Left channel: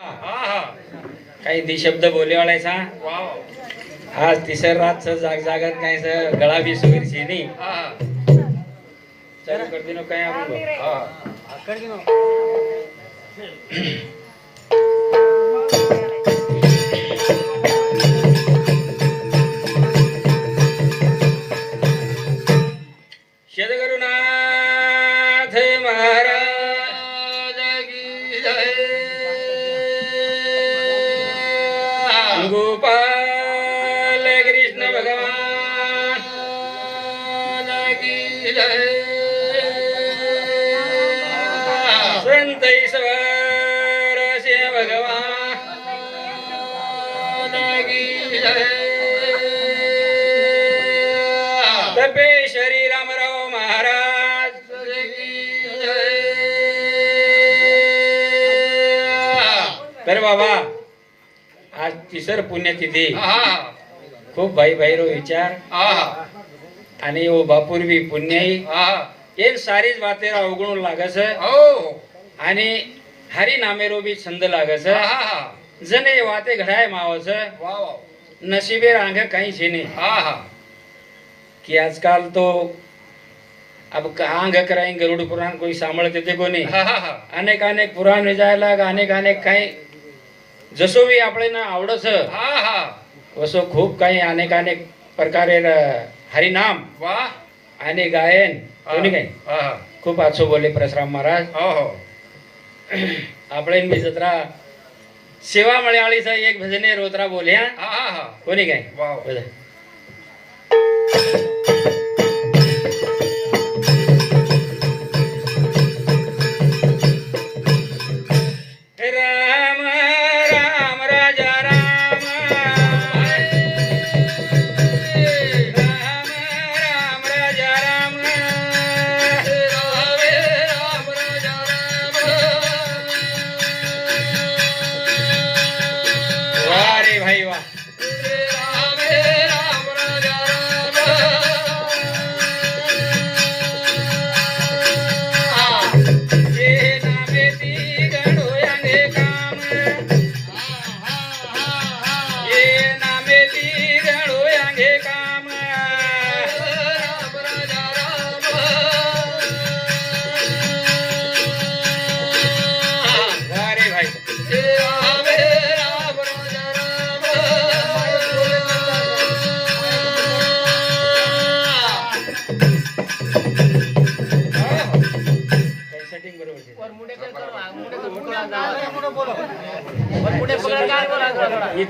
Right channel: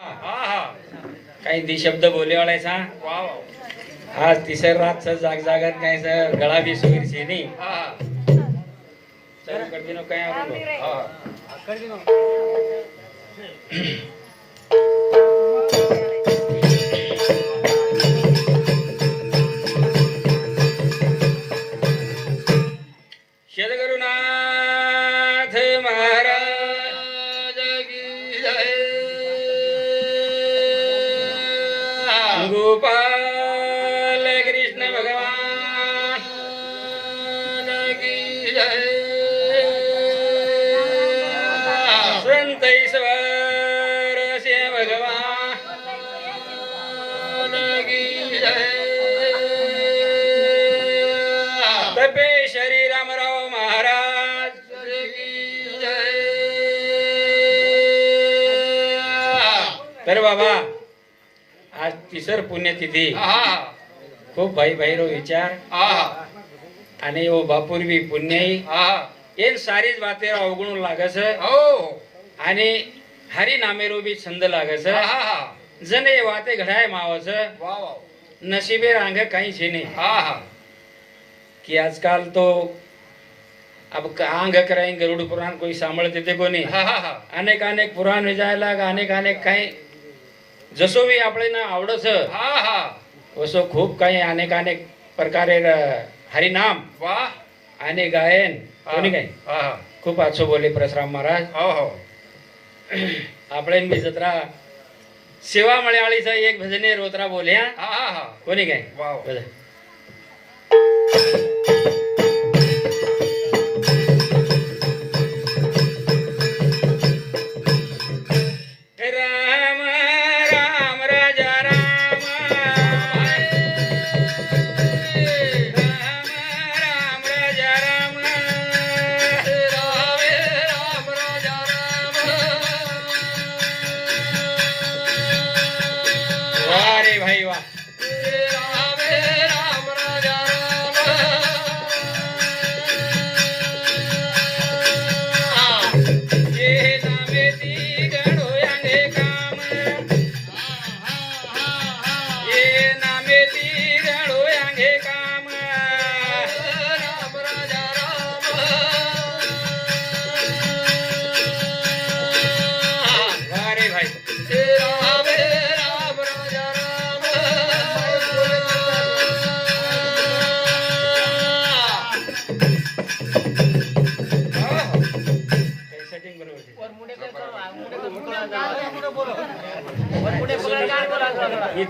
काही दी शब्द बोले वाळायचा वा वा आज तिसर रातचं जाग जागत नाही सर. गळा बी सुवीर शेनी हा हा. चालू करते ना काय आपण संत ईश्वर से भगवान। की जय. तपे श्री रामराव महाराज। की जय. तर बाबा आज तिसर पुण्यतिथी। हा खूप भाई भाईरो विचार। हा आणि ओ बापूर्वी पुण्याई हा एक आणि हरी नामेरो बी छंद लागस जने वाते घडाय मावस नशिबे रांग काही हा हा। कि आजकाल तो अब आंग कराई गरुड पुराण कोई सांभळते ते कोणी अनेक अनेक पुराण विजायला अनेक अनेक काही जसो बी आपले ना आवडस हा हा। वसो खूप काही अनेक अनेक प्रकारे हरिनाम आणि गायन कोणी काही? खूप आछो बोले परशुराम महाराज। हो हो। આપણે મિસત્રા સેવા મળ્યાળી સાહેબ એક ભજને રોતરા બોલ્યા. હા હા બોલી ગઈ વાહ. બોલે.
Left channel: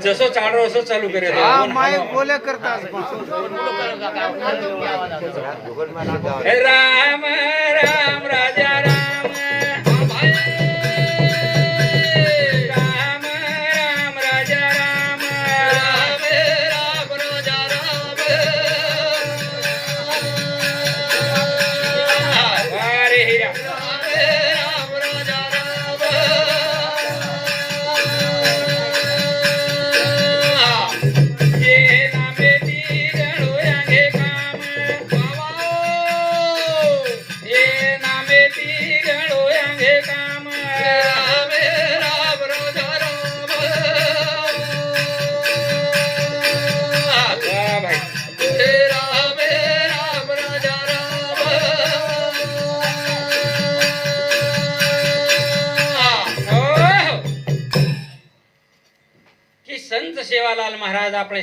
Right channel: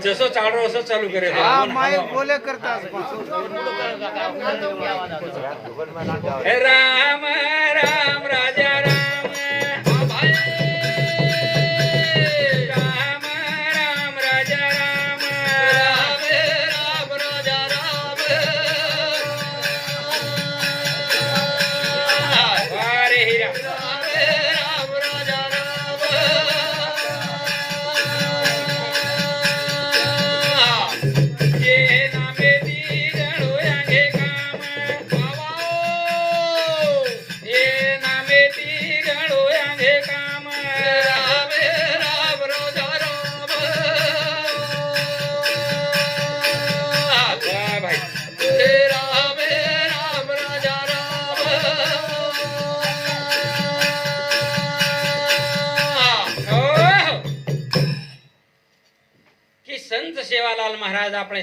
आहे. मी जसं चालू असं चालू करेल बोले करतात हे राम राम राजा राम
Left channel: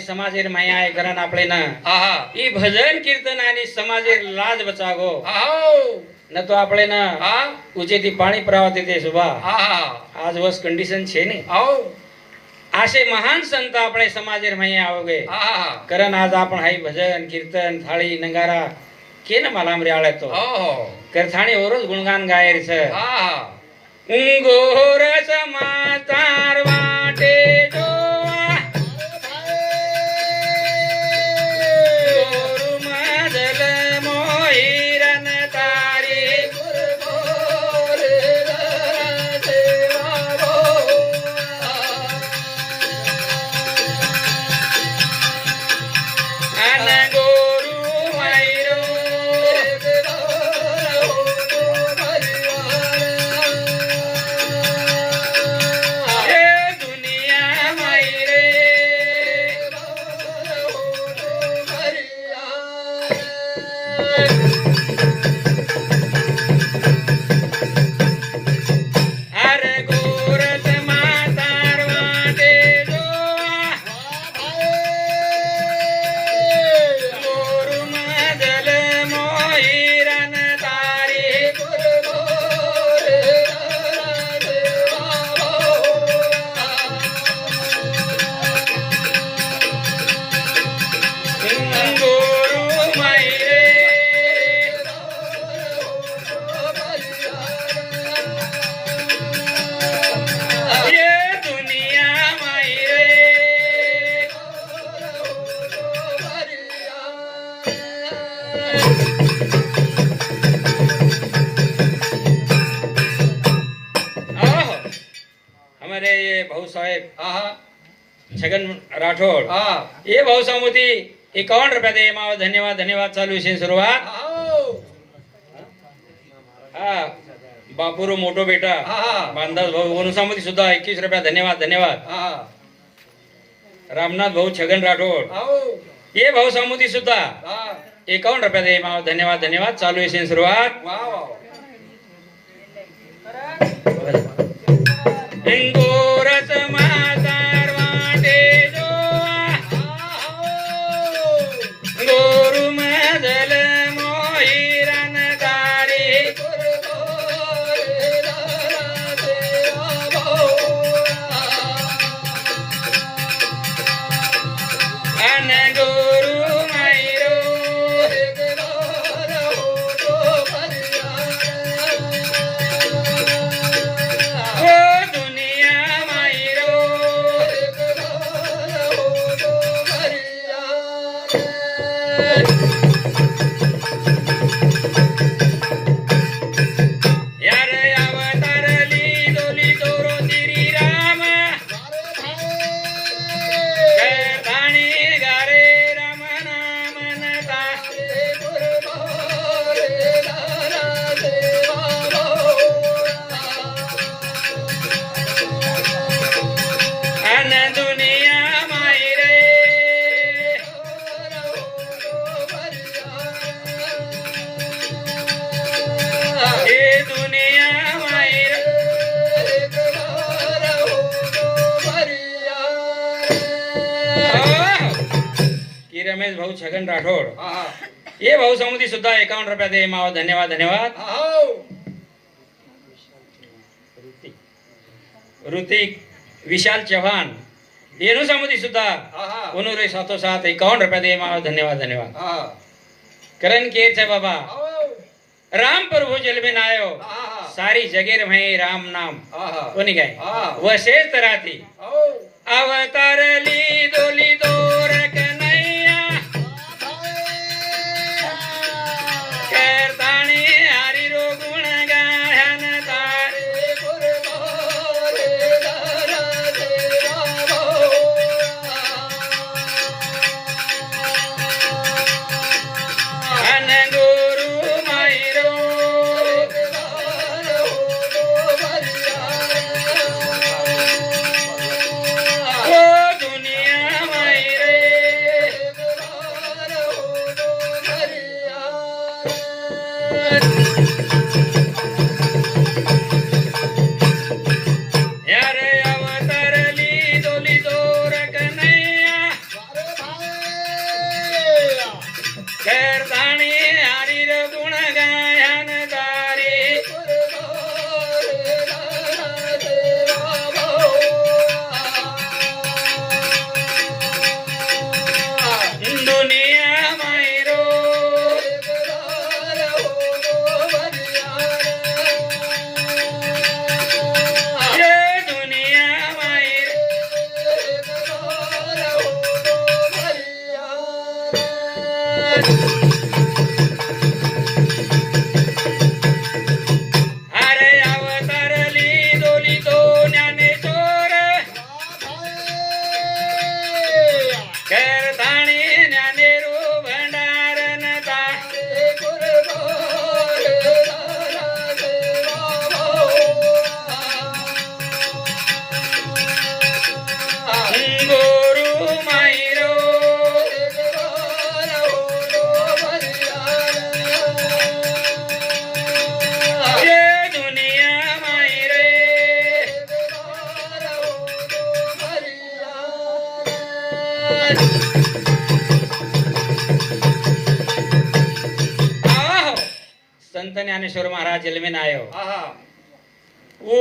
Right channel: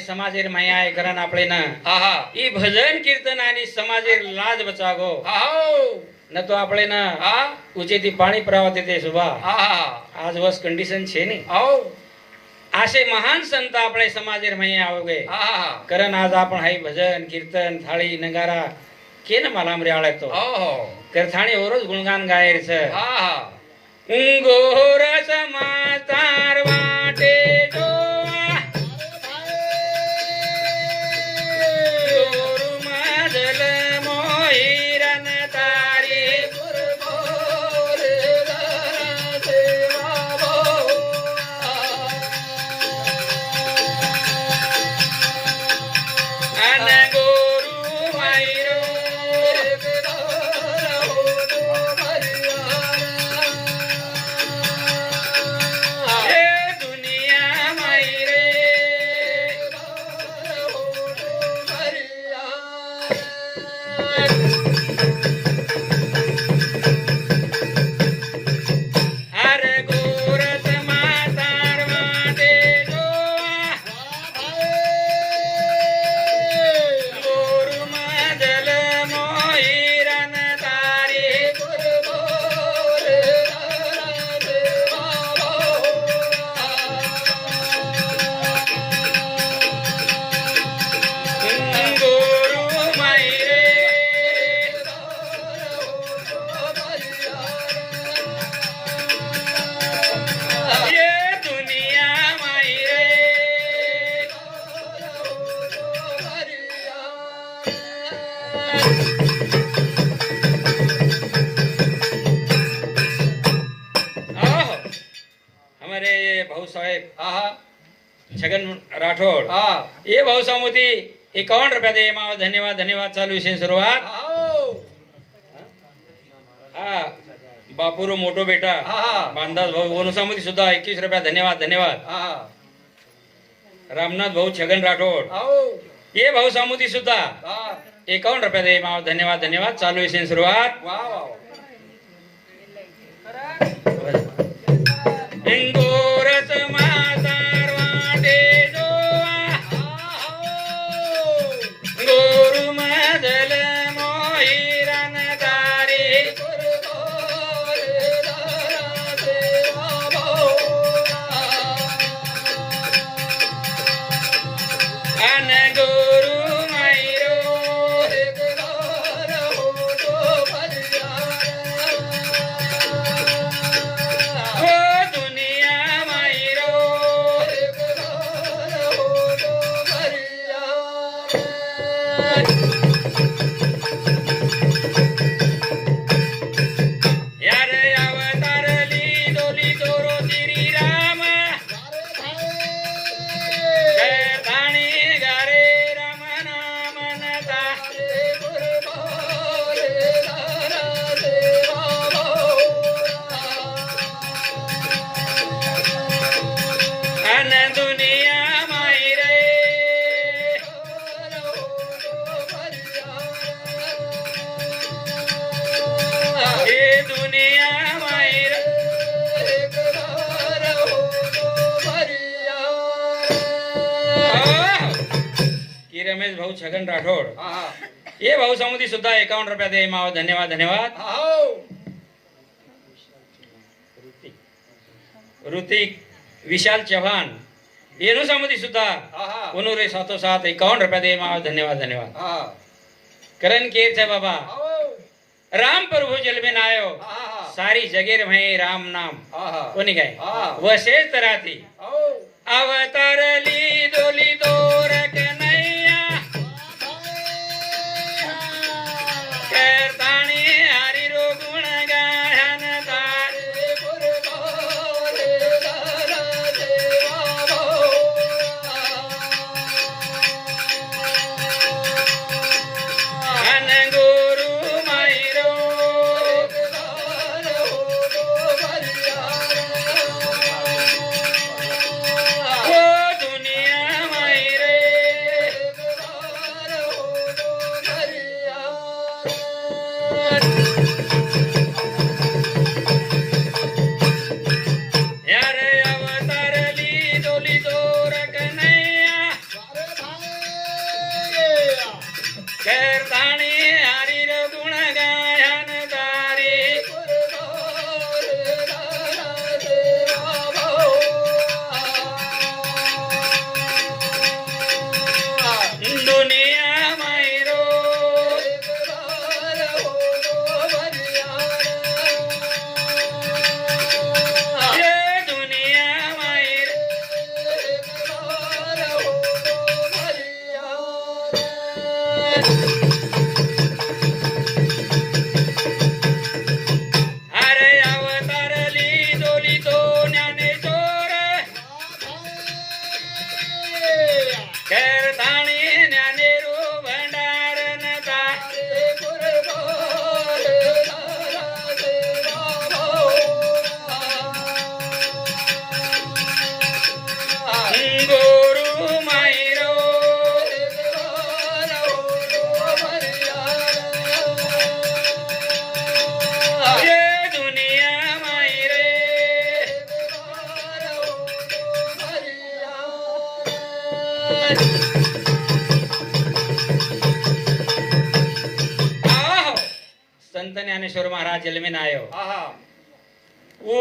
ಸಮಾಜೇರ್ ಮಾಯಾ ಗರನ್ ಆಪಳೇನ ಆಹಾ ಈ ಭಜನ್ ಕೀರ್ತನ ಆನಿ ಸಮಾಜೇರ್ લાજ બચાવો. આહો. ન તો આપણે ના હા. ઉચેથી પાણી પ્રવાહતી દે સુભા. આહા. આજ વસ કન્ડિશન છે ને. આવો આશે મહાન સંત આપણે સમાજેર માયા આવગે. આહા. કરન આજ આપણ હાઈ ભજન કીર્તન થાળી નગારા. કેન માલામ રેળે તો? કરથાણી ઓરોજ ગુણગાન ગાયર છે. આહા. ઉંગોર સમાતારવા राठोड हा हे भाऊसामुती एकावन्न रुपया दे माव धन्यवाद धन्यवाद चालू विषय सुरुवात. हा बापूरू मोठो बेटा. बांधास भाऊ वनुसामुती सुद्धा एकवीस रुपया धन्यवाद धन्यवाद. रामनाथ भाऊ छगन राठोड आहो. हे भाऊ सामुती सुद्धा. एकावन्न रुपया दे माव धन्यवाद धन्यवाद चालू विषय सुरुवात वा छगन राठोड ये भाऊ समुदी सुद्धा एकावन्न रुपया दे माव धन्यवाद धन्यवाद। ऋतिक विशाल चव्हाण येणू समुदी सुद्धा उनुरे सातो सात एकावन्न रुपया दे माव धन्यवाद धन्यवाद। करण केर छे बाबा राम प्रभु जल में आयो सारी जगेर भई राम नाम। कोणी काय हा. वशेच राहती अवतारली दोली ज्ञानेश्वर महाराज जल में आयो। वो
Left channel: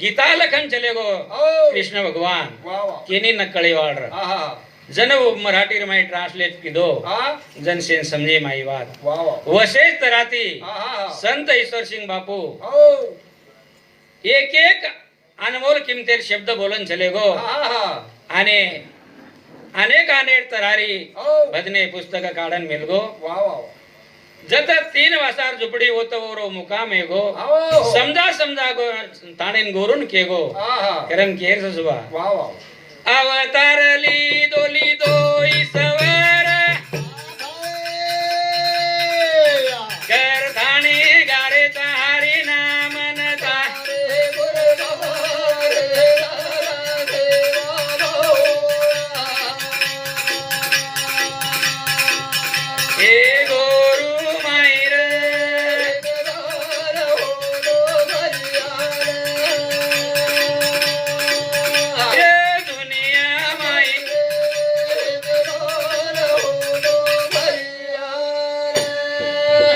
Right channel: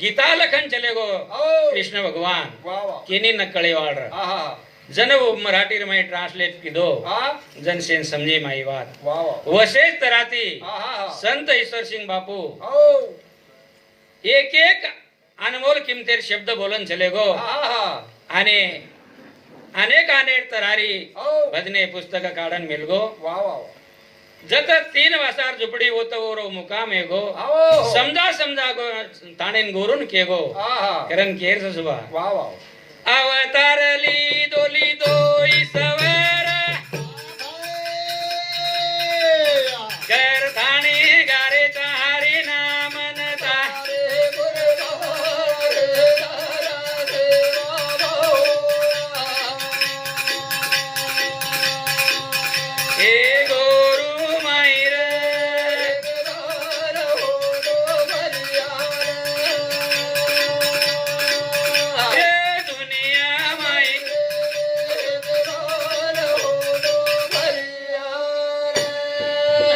गीता लखन चले गो। कृष्ण भगवान। केनी नकळे वाळ जन वो मराठी में ट्रांसलेट कीधो। जन सेन समझे माई बात वशेष तराती। संत ईश्वर सिंह बापू। एक एक अनमोल किमतेर शब्द बोलन चले गो। आणि अनेक अनेक तरारी। भजने पुस्तक काढन मिलगो जत तीन वासार झुपडी होत मुकाम मुकामे गो। हो। समजा समजा गो ताणेन गोरून के गो। करण केर वा वा अवतारली दोली दोई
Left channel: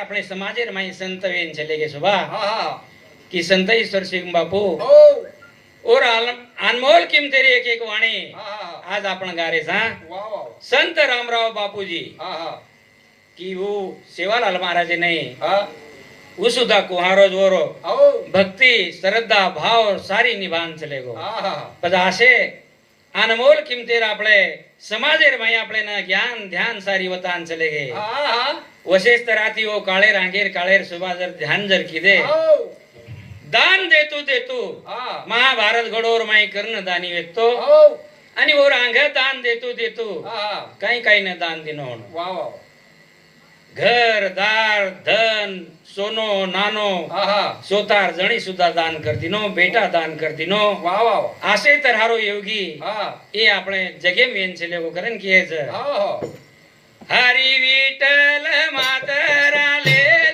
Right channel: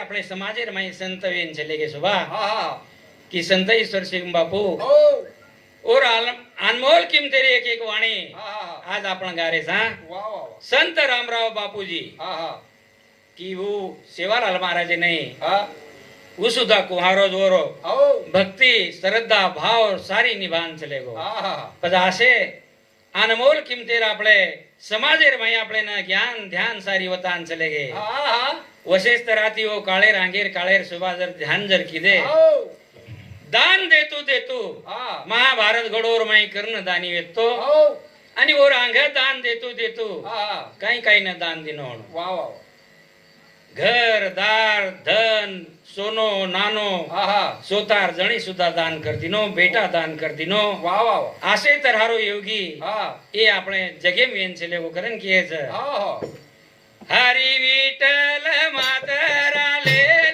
આપણે समाजेर माई संत वेन चले गे सुबा की संत ईश्वर सिंह बापू और आल- अनमोल किमतेरी एक एक वाणी आज आपण गारे सा संत रामराव बापूजी की वो सेवालाल महाराज नहीं वो सुद्धा कुहारो जोरो भक्ती श्रद्धा भाव सारी निभान चले गो पण असे अनमोल किमतेर आपले समाजेर माई आपले ना ज्ञान ध्यान सारी वतान चले गे वशेष तराती ओ काळे रांगेर काळेर सुभा जर ध्यान जर किदे दान देतो देतो महाभारत घडोर माई कर्ण दानी वेतो आणि ओ रांग दान देतो देतो काही काही ना दान देणं घर दार धन सोनो नानो सोतार जणी सुद्धा दान करतीनो बेटा दान करतीनो वा वा आसे तर हारो योगी ए आपण जगे मेन छेले वो करण किए हरी विठल मातराले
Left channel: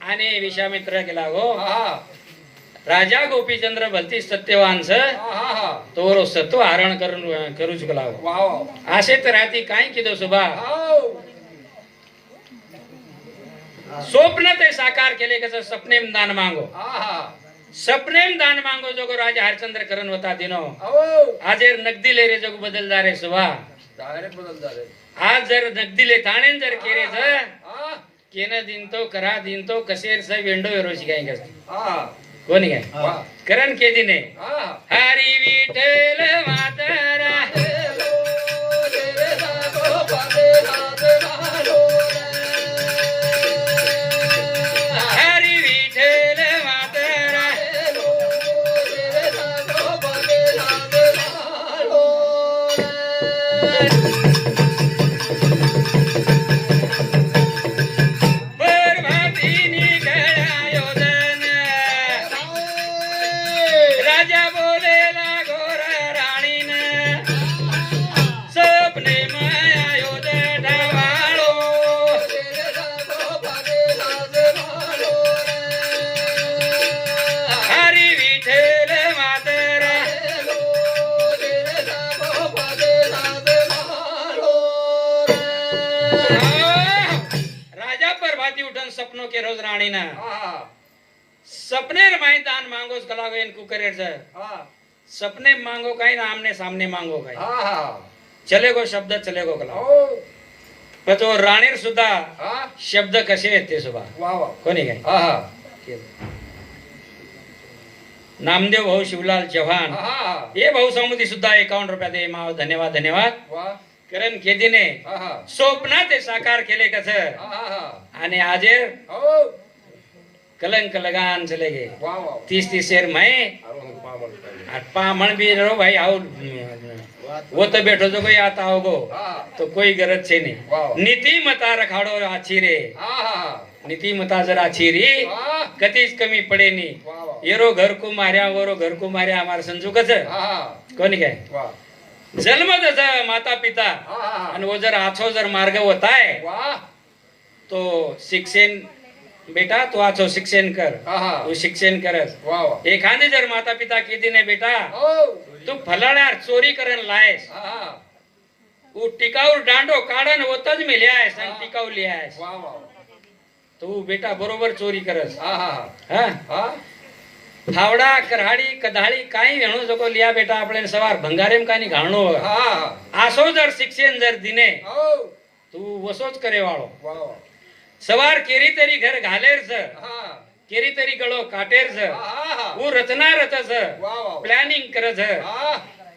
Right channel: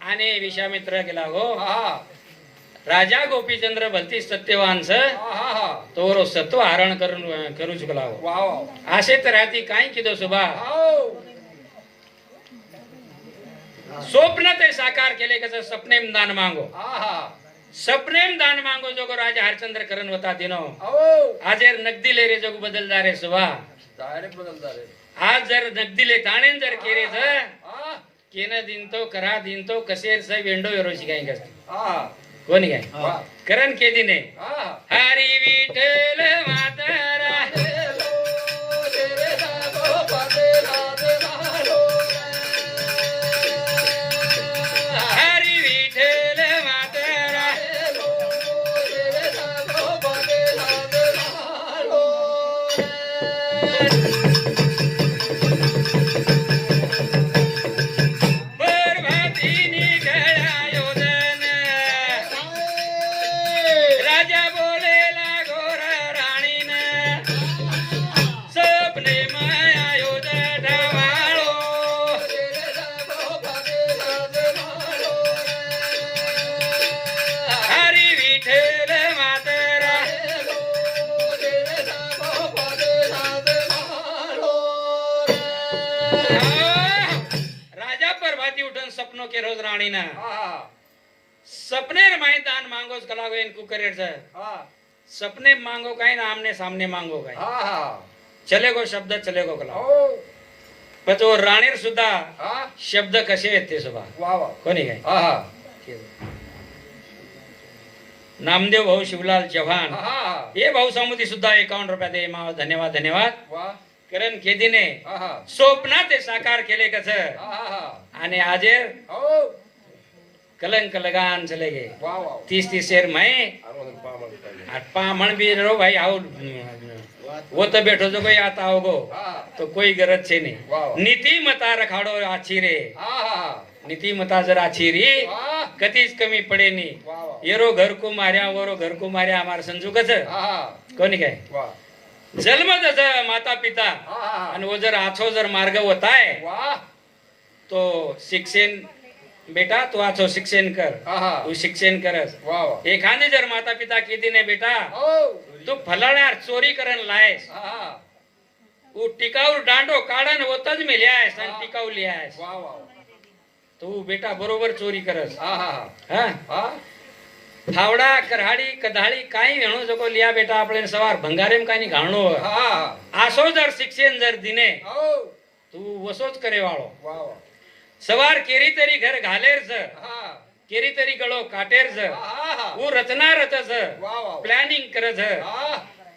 आणि विश्वामित्र गेला गो राजा गोपीचंद्र भलती सत्यवांस तो सत्व हरण करून करू चुकला हो. असे तर राती काय किदो सुभा. स्वप्न ते साकार केले कसं सपनेम दान मागो. सपनेम दान मागो जोगो राजा हरचंद्र करण होता दिनो. आजेर नगदी ले रे जोग बदलदार रे सुभा आज जर नगदी ले ताणेन जर केरे जर केन दिन तो करा दिन तो कसेर स वेंडो वेरोशी काय कसं कोणी काय? करण के दिने आ हरी विठ्ठल मातरा सपनो के रोज राणीना सपने माई दान मांगोस कलागो एन कुकरेर सपने मांगो काय ना आमने सामने मांगो काय चलेगो शब्द चलेगो कला पण तो राणीर सुद्धा शब्द कसे आहेत ते सुद्धा कोणी काय? नामदेव भाऊ शिवलाल चव्हाण। हे भाऊ समुदी सुद्धा एकावन्न रुपया दे माव धन्यवाद धन्यवाद। करण केदीने स्वप्नात ते साकार केले कस आणि आजे कलंक लगान चले गे तीस तीस शेर मैं पामण भी रो भाई आओ वो तो बैठो जो कोई आता होगो. तो कोई गरज छे। नहीं. नीति मता रखाडो आछी रे नीति मता जर आछी री कधीच कमी पडे नी येरो घर को मार्या वरो घर को मार्या हमार संजू कस कोणी काय? जन्म जसं माता पिता आणि वो जर आछो जर मार्ग होताय तो शिक्षण बेटा तू आछो शिक्षण कर. तू शिक्षण करस. एखादी जर माता पिता किती ने बेटा तू फलाड्यार चोरी करण लायस. तू टिकाऊ डांडो काढन होतच मेल्यास आणि टिकाऊ लिहायस तू बेटा बरोबर चोरी करस. हा? ફાવડા કરાડી કધાડી કાઈ વેણો જકો લિયા બેટા આપણે સવાર ભંગારેમ કાની ઘાણો આસોદર શિક્ષેન્દર દિને તું વસો જ કરે વાળો સવાર કેરી તરી ઘર ઘાલેર છે કેરી તરી ગળો કાટેર છે હું રચના રચે છે પ્લાનિંગ કરે છે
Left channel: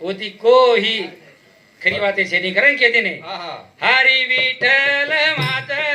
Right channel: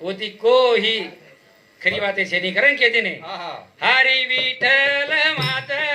ઓતી કોહી ખરી વાતે છે ની કરે કે દિને હા હારી વિઠલ માતા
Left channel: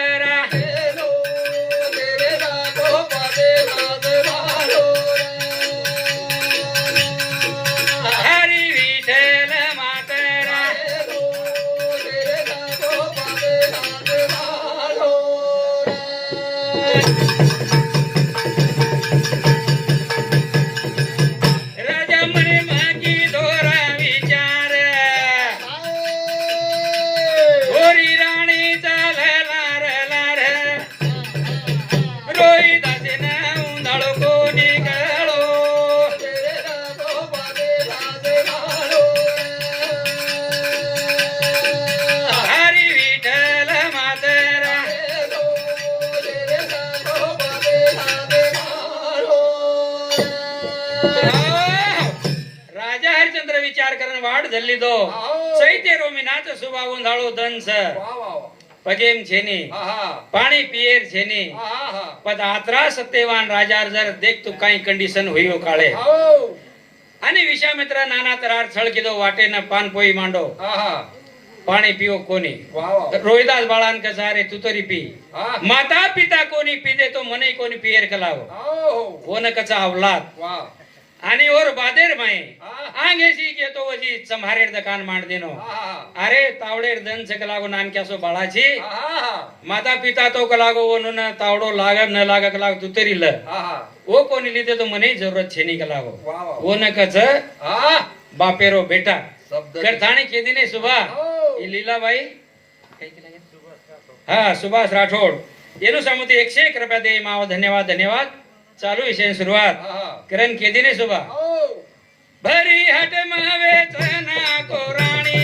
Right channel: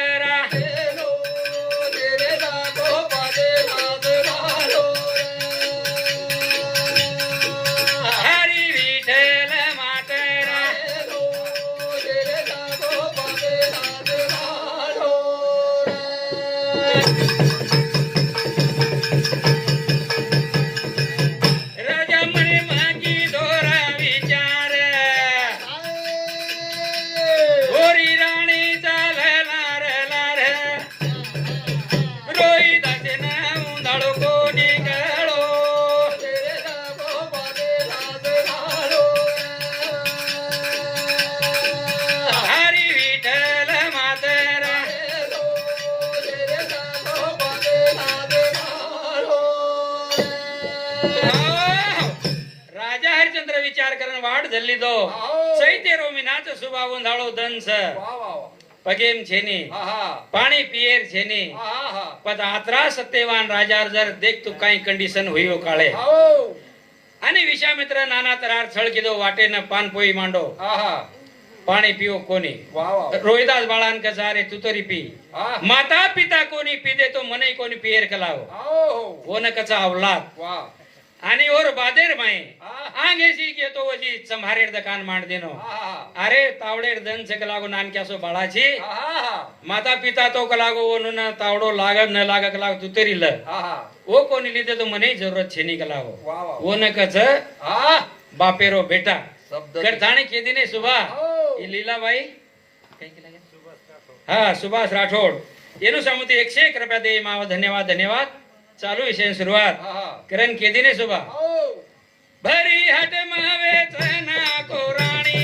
विचार करून वाढ झाली तो. चैते रोमी नाच सुभावून झालो दंस पगेन छेनी. पाणी पियेर छेनी. पद आत्रा सत्यवान राजार जर देख तू काही कंडिशन होईओ काळे. आणि विश्वामित्र नाना तर छळ किदो वाटे वाटेन पान पोई मांडो. पाणी पिओ कोणी? रोहिदास बाळान कसारे तू तरी पी. माता पिता कोणी पिदे तो मने कोणी पियेर कलाव. कोण कचा अवलाद. आणि और बादेर माये. आंगेसी घेतो वजी चमारेर दकान मांड देनो अरे तावडेर दन से कलागो नाम क्या सो बाळाजी माता पिता तो कलागो वो न तावडो लाग न लाग कलाग तू तरी ल. वो कोणी लिदे तो मने जरूरत छे नी कलागो ओ न कच बापेरो बेटा. जर थाने केदी ने सुबा लीला भाई हा सुभाष राठोड. येनु समुती एकशे एक रुपया दे मावा धन्यवाद धन्यवाद. चालू विषय सुरुवात करण केदी ने सुभा भरी हट मावे तना को राणी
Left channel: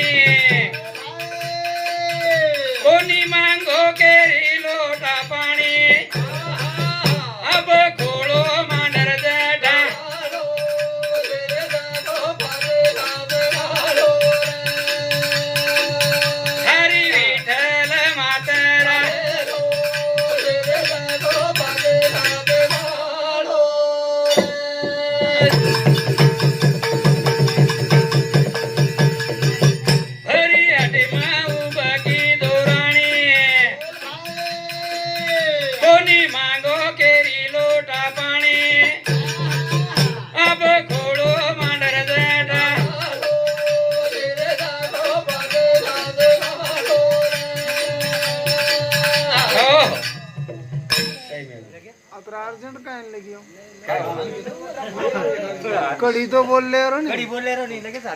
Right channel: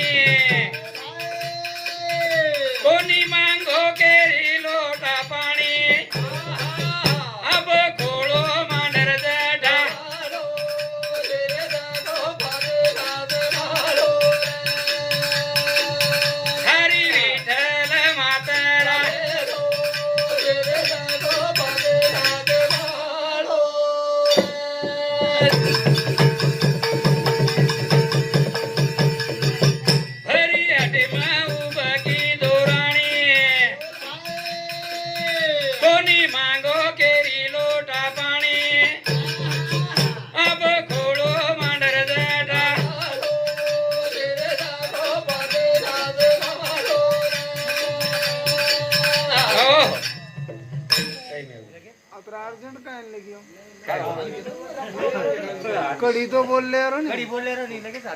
कोणी मांगो केरी लोटा